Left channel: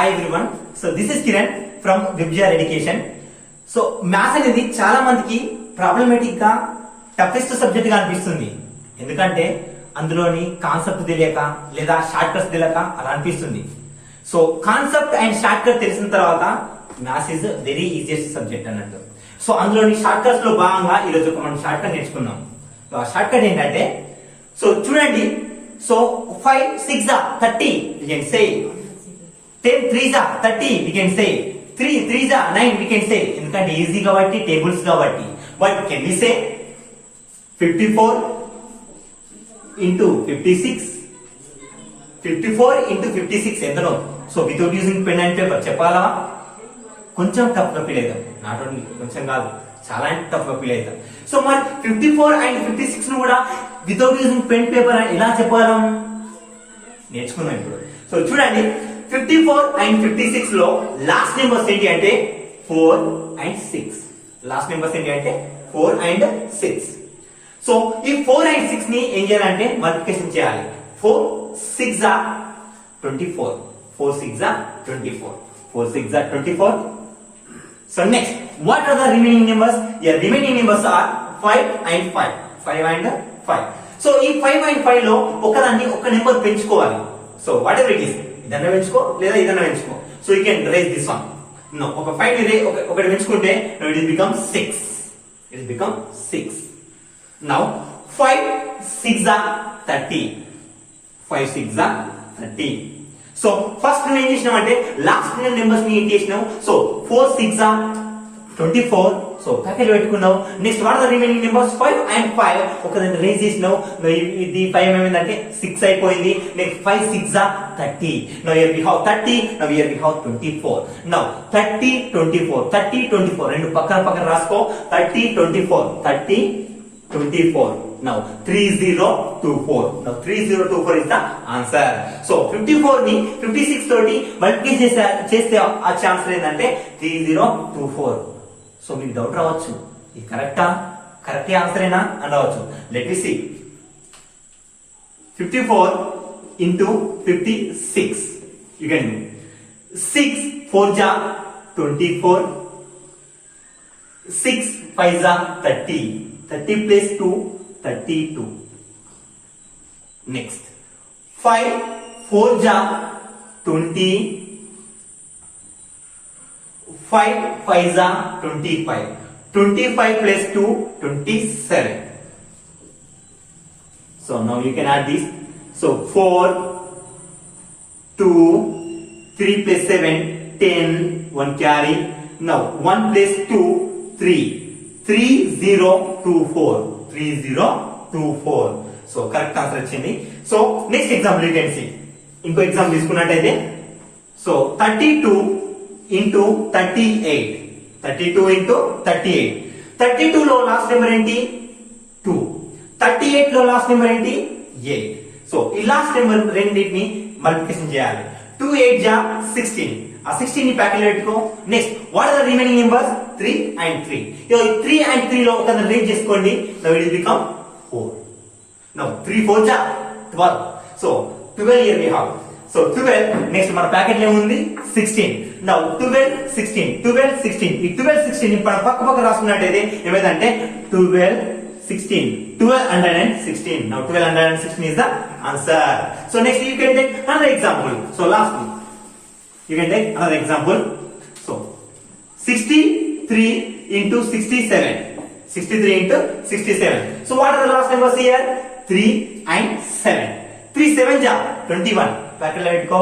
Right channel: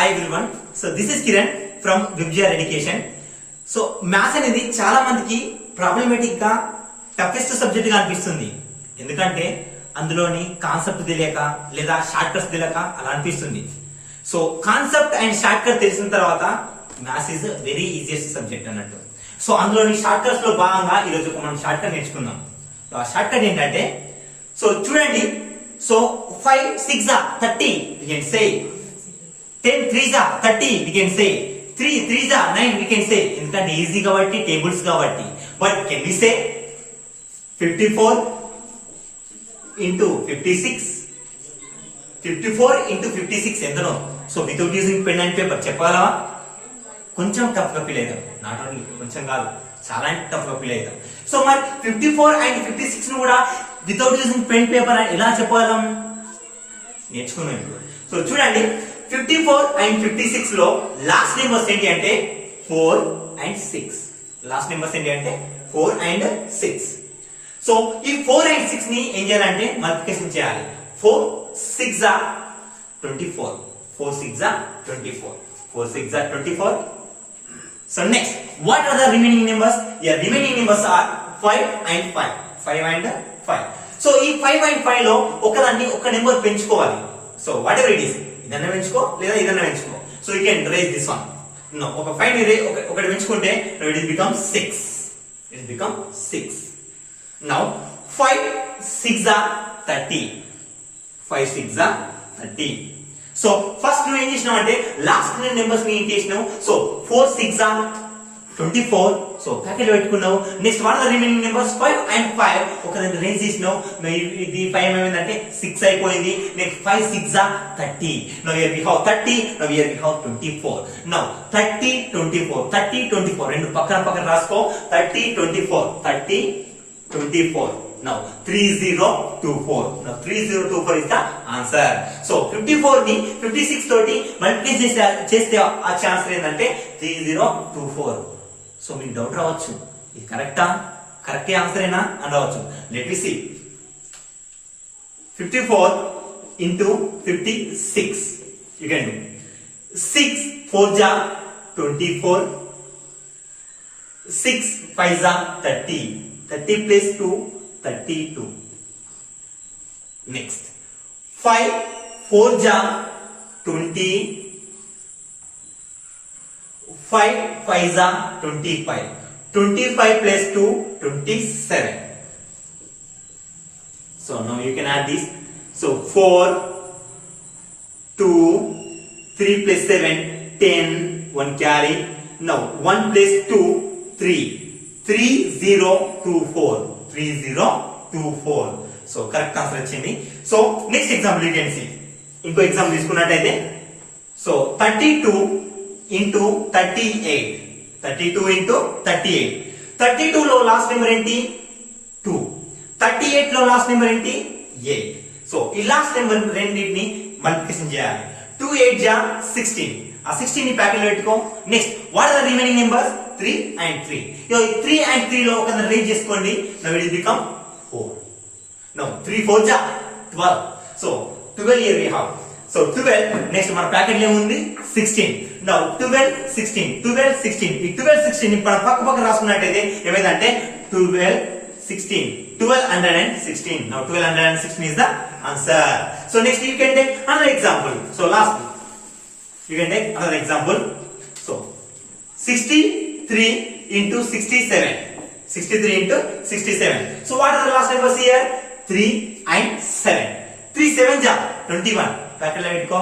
Hi everyone. So this is Kiran from Vibjar Education. So maths అనేది చాలా మందికి ప్రాబ్లమేటిక్ గా టఫెస్ట్ సబ్జెక్ట్ గా అనిపిస్తుంది. ఎందుకంటే అందులోని కాన్సెప్ట్ తెలియక లేదా షార్ట్ కట్స్ తెలియక అలా అనిపిస్తుంది. So concept and short cut తెలిసిన తర్వాత maths is very easiest subject అన్నట్టు. సో అందులోని షార్ట్ కట్స్ లో భాగంగా ఈ రోజు మనం షార్ట్ కట్ నేర్చుకున్నాం. షార్ట్ కట్ ఏంటంటే సో చూడండి. సో 5 6 30 we can say 10 3 30 we can say 3 3 9 we can say ఎందుకంటే ఈజీ కాబట్టి టేబుల్స్ కాబట్టి. But can we say 54 into 56 54 into 56 ఎంతనో. So without using pen and paper చెప్పాలా? కొంచెం టఫ్ గా ఫీల్ అవుతాం. నాట్ ఓన్లీ కొంచెం కాదు, చాలా టఫ్ గా ఫీల్ అవుతాం. సో మరి 54 and 56 ను కూడా వితౌట్ యూజింగ్ పెన్ పేపర్ ఎలా చెప్పగలం నేర్చుకున్నాం ఇప్పుడు. సో చూడండి, 54 and 56 లో లాస్ట్ నెంబర్స్ ఏంటి అంటే 4 and 6. లాస్ట్ నెంబర్స్ ఏంటి అంటే 4 and 6. సో ఈ 4 and 6 ని ఏం చేయాలంటే మల్టిప్లికేషన్ చేయాలి. 4 6 24 4 6 24 4 6 24. So next, what are the remaining numbers? Yeah, remaining numbers are 5 and 5. 5 and 5. So ఈ 5 and 5 లో ఒకదాన్ని ఒక నెంబర్ పెంచుకోవాలి. So whatever it is, ఇదన్నా పెంచుకో లేదా ఇదన్నా పెంచుకో. So you can raise this one. No, ఒక 5 ని ఒకటి పెంచుకుంటే it will become 6. It will become 6. Now 5 6 30. 5 6 30. So first నువ్వు ఏం చేసినావు అంటే లాస్ట్ నెంబర్స్ ని ఏం చేసినావు. సో 4 6 24. సో ప్యాకెట్ పెట్టుకున్నావు. Next what are the remaining numbers 5 and 5. ఒకదాన్ని రేంజ్ చేసినావు. ఇది 5 ఏమైందంటే 6 అయిపోయింది. Next 5 6 30. Now here we have 30. Now here we have 24. Now 30 24 30 24 రెండు పక్కన పక్కన రాసుకో. 30 24 30 24. Now 3024. Now 3024 is the answer. So 54 ని 56 తోటి మల్టిప్లై చేస్తే ఆ ఛాన్స్ ఏంటంటే 3024. సో మీకు డౌట్ రావచ్చు, ఇది కరెక్టా, కరెక్ట్ ఆన్సర్ ఏనా అని రావచ్చు. Let me see. 54 into 56 you can do 6 4 24 6 5 30 30 plus 2 32. Next 5 4 20 5 5 25 25 plus 2 27. So now you can add this. So 4 2 3 plus 7 10 1 carry. Now 1 plus 2 3 3024 3024. సో కరెక్ట్ ఆన్సర్ వచ్చింది. So next example you can see. ఇంకో ఎగ్జాంపుల్ తీసుకున్నట్టయితే సో 32 into 38. 32 into 38. 32 లో last number ఏంటి 2. 38 లో last number ఏంటి 8. సో ఈ last number రెండింటిని మల్టిప్లికేషన్ చేయాలి. 2 8 16. ఆ 16 ని ప్యాకెట్ పెట్టుకో. Next what are the remaining numbers 3 and 3. 3 and 3 లో ఒక రేంజ్ చేసుకోండి. Now it will become 4. Now 3 4 12. So 12 here we have. So 12 next మన ప్యాకెట్ లో ఏముంది 16. నౌ 12 16 12 16. ఈ 12 16 ఇప్పుడు పక్క పక్క రాసుకున్నట్టయితే ఏమైందంటే 12 16 1216. Now 1216 is the answer. So next you can take another example. So last you can take another example. So 63 into 67. 63 into 67. So what are the last numbers here? 3 and 7. 3 7 21. Packet lo పెట్టుకో.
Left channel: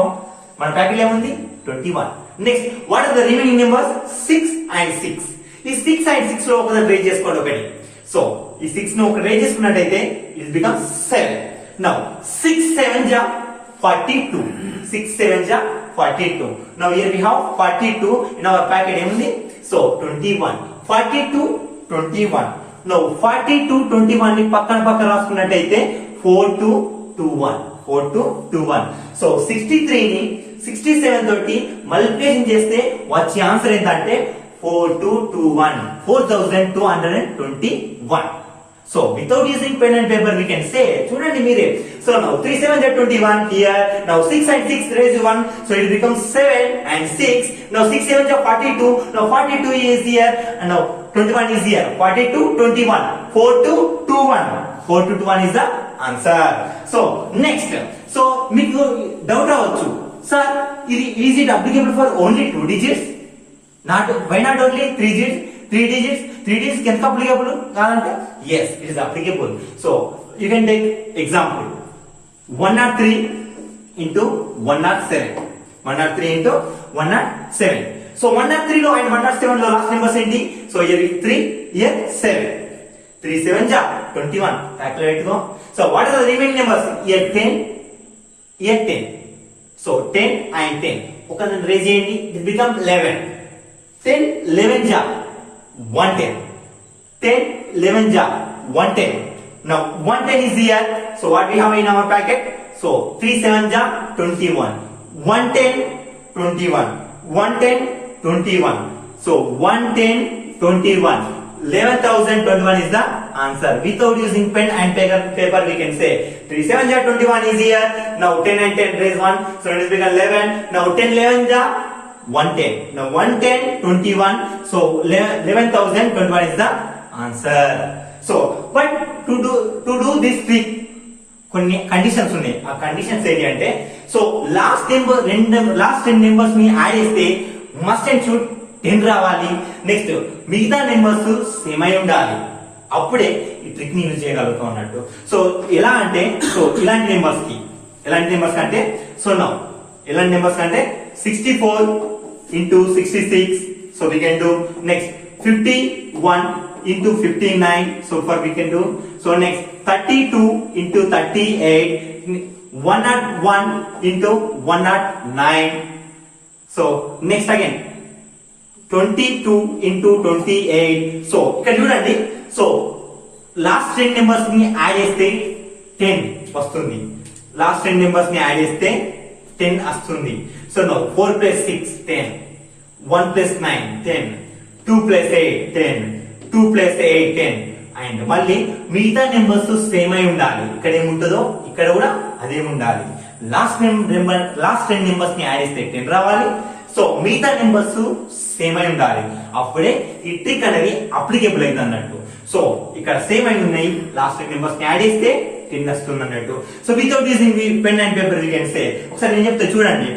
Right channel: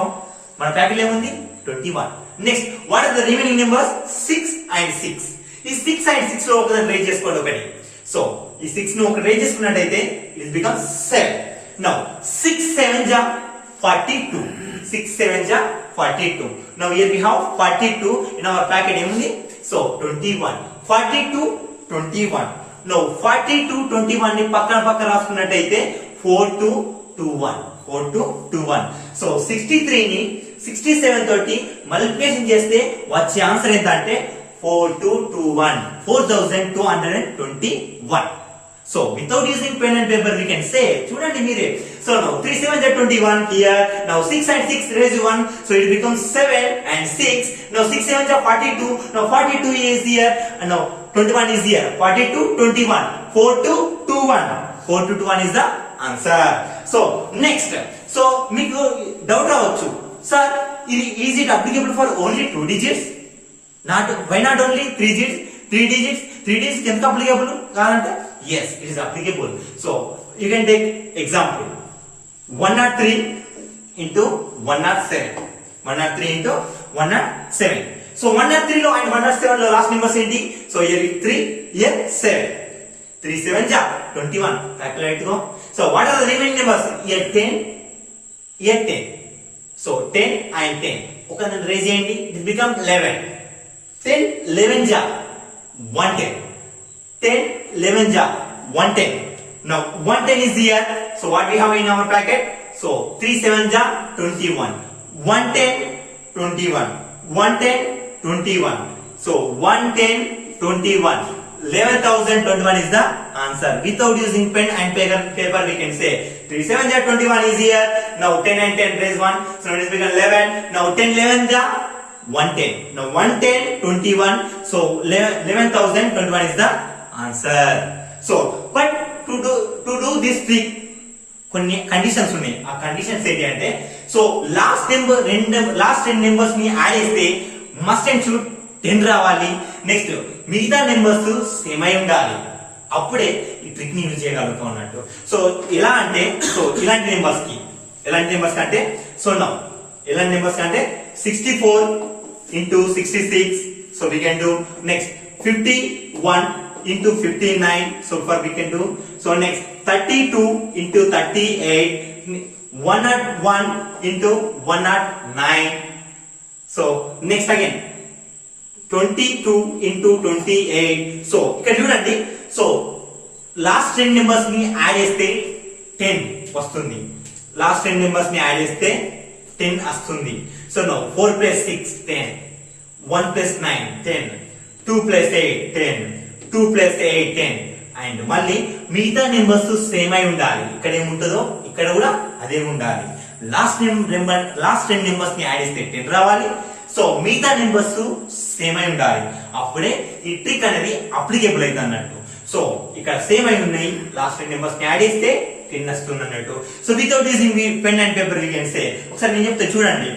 మన ప్యాకెట్ లో ఏముంది 21. Next what are the remaining numbers 6 and 6. ఈ 6 and 6 లో ఒకదాన్ని రేంజ్ చేసుకోండి ఒకటి. సో ఈ 6 ను ఒక రేంజ్ చేసుకున్నట్టయితే it become 7. Now 6 7 42. 6 7 42. Now here we have 42 in our packet ఏముంది. సో 21 42 21. నౌ 42 21 ని పక్కన పక్కన రాసుకున్నట్టయితే 4 2 2 1 4 2 2 1. సో 63 ని 67 తోటి మల్టిప్లికేషన్ చేస్తే వచ్చే ఆన్సర్ ఏంటంటే 4221 4221. So without using pen and paper we can say చూడండి మీరే. So now 3 7 are 21 here. Now 6 and 6 raise 1, so it becomes 7 and 6. Now 6 7 are 42. Now 42 is here and now 21 is here. 42 21 4 2 2 1. 4 2 2 1 is the answer. So next, so మీకు డౌట్ అవ్వచ్చు, sir is it applicable for only 2 digits? Why not only 3 digits? 3 digits ఎంత applicable కాదంటే yes, it is applicable. So you can take example 103 into 107. 103 into 107. So 103 లో and 107 లో last numbers ఏంటి? So here 3, here 7. 3 7 ja 21. Calculate go. So what are the remaining numbers? Here 10, here 10. So 10 and 10. ఒక రేజ్ చేయండి, it become 11. 10 11 ja 110. 10 11 ja 110. Now 110 is here. So what we have in our bracket? So 3 7 ja 21. 110 21. 110 21. So 110 21. 11,021 is the answer. Without using pen and paper we can say 3 7 ja 21 is here. Now 10 and 10 raise 1, so it is become 11. Now 10 11 ja 110. Now 110 21. So 11,021 is the answer. So but to do this trick కొన్ని కండిషన్స్ ఉన్నాయి. ఆ కండిషన్స్ ఏంటి అంటే, so last 10 నెంబర్స్ ని యాడ్ చేస్తే must and should 10 రావాలి. నెక్స్ట్ మిగతా numbers same అయి ఉండాలి. అప్పుడే ఈ ట్రిక్ ని యూజ్ చేయగలుగుతాం అన్నట్టు. సో ఎలా అంటే, సో ఎలాంటి నెంబర్స్ అంటే, సో నౌ ఎలాంటి నెంబర్స్ అంటే 64 into 66. So we can do next 51 into 59. So far we can do. So next 32 into 38. 101 into 109. So next again 22 into 28. So ఇక్కడ చూడండి, సో లాస్ట్ 10 నెంబర్స్ ని యాడ్ చేస్తే 10 వస్తుంది. లాస్ట్ 10 నెంబర్స్ ని యాడ్ చేస్తే 10 వస్తుంది. సో నో 4 plus 6 10, 1 plus 9 10, 2 plus 8 10, 2 plus 8 10. అండ్ మళ్ళీ మిగతా నెంబర్స్ సేమ్ అయి ఉండాలి. ఇక్కడ ఏముంటుందో ఇక్కడ కూడా అదే ఉండాలి. లాస్ట్ 10 నెంబర్స్ ని యాడ్ చేస్తే 10 రావాలి. సో మిగతా నెంబర్స్ సేమ్ అయి ఉండాలి. అప్పుడే ఈ ట్రిక్ అనేది అప్లికేబుల్ అవుతుంది అన్నట్టు. సో ఇక్కడ సేమ్ అయి ఉన్నాయి, లాస్ట్ 10 నెంబర్స్ ని యాడ్ చేస్తే 10 వస్తుంది అన్నట్టు. So without using pen and paper we can say, ఒకసారి నేను చెప్తే చూడండి.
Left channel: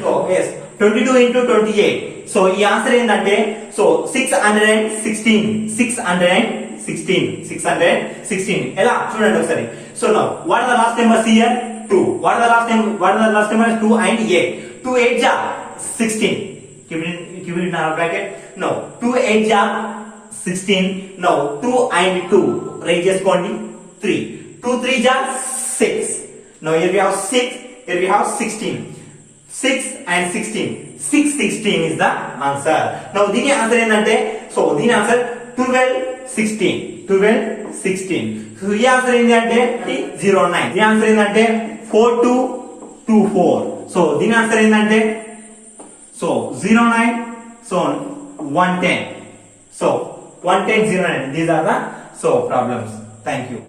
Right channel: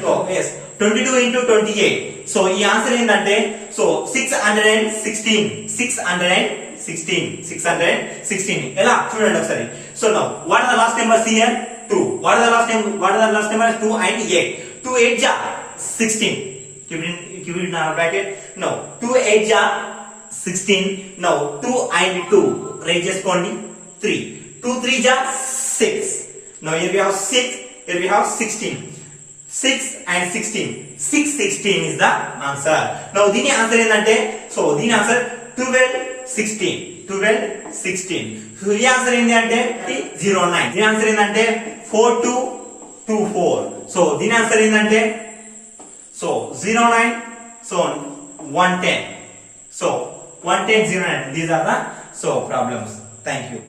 22 into 28. సో ఈ ఆన్సర్ ఏంటంటే, సో 616 ఎలా చూడండి ఒకసారి. So now what are the last numbers here? 2. What are the last numbers? 2 and 8. 2 8 ja 16. Keep it in our bracket. Now 2 8 ja 16. Now 2 and 2 raise చేసుకోండి 3. 2 3 ja 6. Now here we have 6. Here we have 16. 6 and 16. 6 16 is the answer. Now దీని ఆన్సర్ ఏంటంటే, సో దీని ఆన్సర్ 12 16. 12 16. సో ఈ ఆన్సర్ ఏంటి అంటే 09. దీని ఆన్సర్ ఏంటంటే 4224. సో దీని ఆన్సర్ ఏంటంటే, సో 09, సో 110. So 110 09. These are the so problems. Thank you.